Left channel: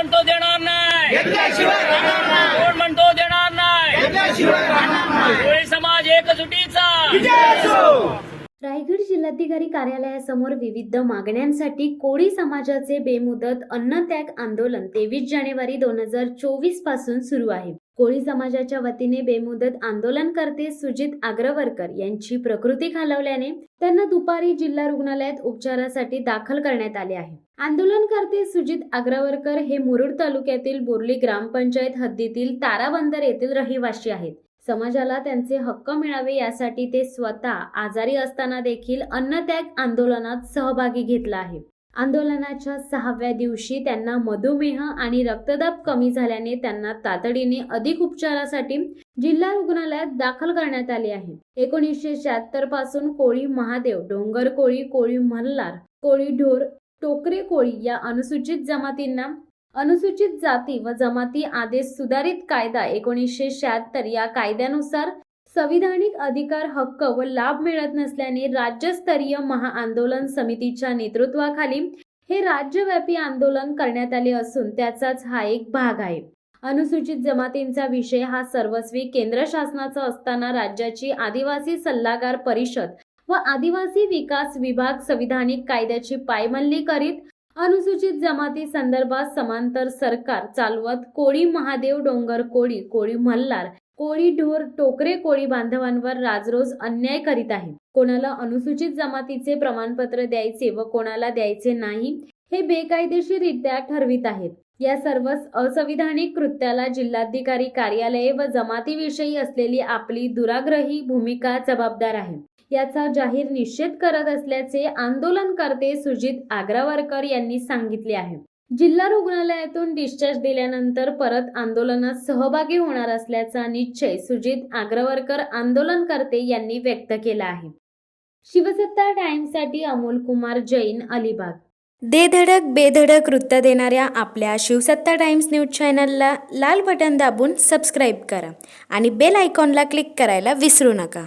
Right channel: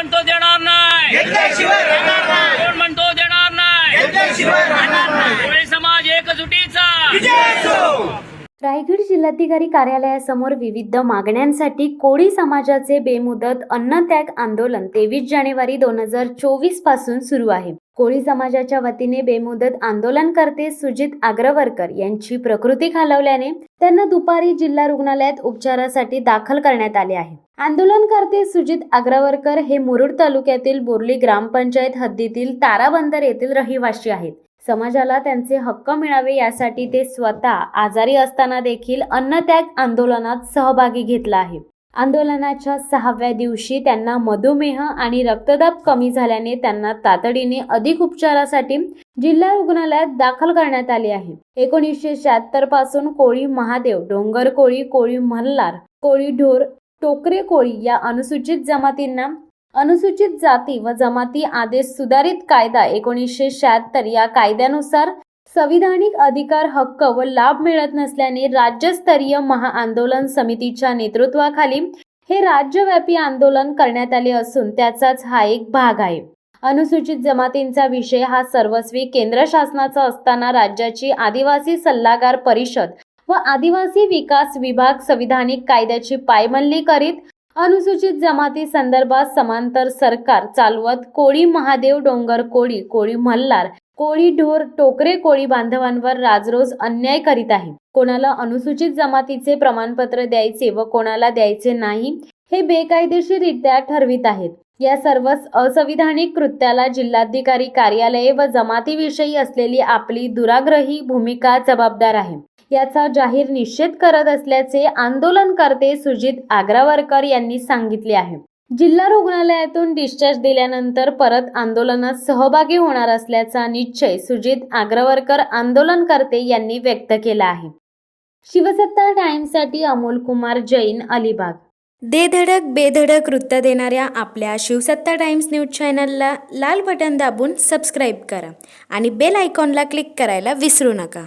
म्हणतो देणार नाही, कोण म्हणतो देणार नाही, कोळी समाज एकजुटीचा. रायगड जिल्हाधिकारी कार्यालयासमोर विविध मागण्यांसाठी कोळी समाजाचे बेमुदत अन्नत्याग आंदोलन 23 जानेवारी 2024 पासून सुरू आहे. कोळी समाजाच्या वतीने बेमुदत आंदोलनकर्ते सुजित आग्रवरकर यांची प्रकृती खालावल्याने त्यांना दुपारी जिल्हा रुग्णालयात उपचारासाठी दाखल करण्यात आले आहे. आंदोलनकर्ते सुजित आग्रवरकर हे मुरुड तालुक्यातील बोर्ली ग्रामपंचायत हद्दीतील ताराबंदर येथील रहिवासी आहेत. समाजाला त्यांचे हक्क मिळावे यासाठी ते स्वतः आजारी असताना देखील अन्नत्याग आंदोलनात सहभागी घेतला आहे. आंदोलनाच्या 6व्या दिवशी त्यांना मधुमेह आणि रक्तदाब कमी झाल्याने त्यांना तातडीने अधिक उपचारासाठी जिल्हा रुग्णालयात दाखल करण्यात आले आहे. 1976 पासून कोळी महादेव, डोंगर कोळी, कोळी मल्हार, कोळी ढोर, टोकरे कोळी या अनुसूचित जमातींना अनुसूचित जाती व जमाती आदेश सुधारित कायदा 1976 या कायद्यानुसार संविधानिक अधिकार, हक्क व लाभ मिळत नसल्याने राज्यस्तरीय महाआंदोलन समितीच्या नेतृत्वाखाली हे राज्यव्यापी आंदोलन करण्यात आले असून त्याचाच हा एक भाग आहे. अनुसूचित जमातींचा विषय हा सर्वस्वी केंद्र शासनाचा असताना राज्याची आदिवासी सल्लागार परिषद व आदिवासी विकास विभाग संविधानिक कायद्याची पायमल्ली करीत अनुसूचित जमाती संदर्भात समांतर सरकार चालवत कोळी महादेव, डोंगर कोळी, कोळी मल्हार, कोळी ढोर, टोकरे कोळी बांधवांवर राजरोज अन्याय करीत आहे. कोणाला अनुसूचित जमातीचे प्रमाणपत्र द्यायचे व कोणाला द्यायचे नाही हे बेकायदेशीररित्या ठरवित आहेत. या सर्वच असंविधानिक कृत्याला जिल्हाधिकारी कार्यालये व जमातीविषयी असलेली आपली दुराग्रही भूमिका जबाबदार आहे. याचा जाहीर निषेध करत असल्याचे आंदोलनकर्ते सुजित आग्रवरकर यांनी सांगितले आहे. जिल्हा रुग्णालयातून डिस्चार्ज दिल्यानंतर परत आंदोलनात सहभागी होणार असल्याचा निश्चय सुजित आग्रवरकर आंदोलनकर्ते यांनी व्यक्त केला आहे. शिवसत्ता टाइम्ससाठी अमोल कुमार जैन, अलिबाग. दे धडक बेधडक वृत्त देणाऱ्या आपल्या शिवसत्ता टाइम्स न्यूज चॅनलला लाल बटन दाबून सबस्क्राईब करा आणि बेल आयकॉनला क्लिक करायला विसरू नका.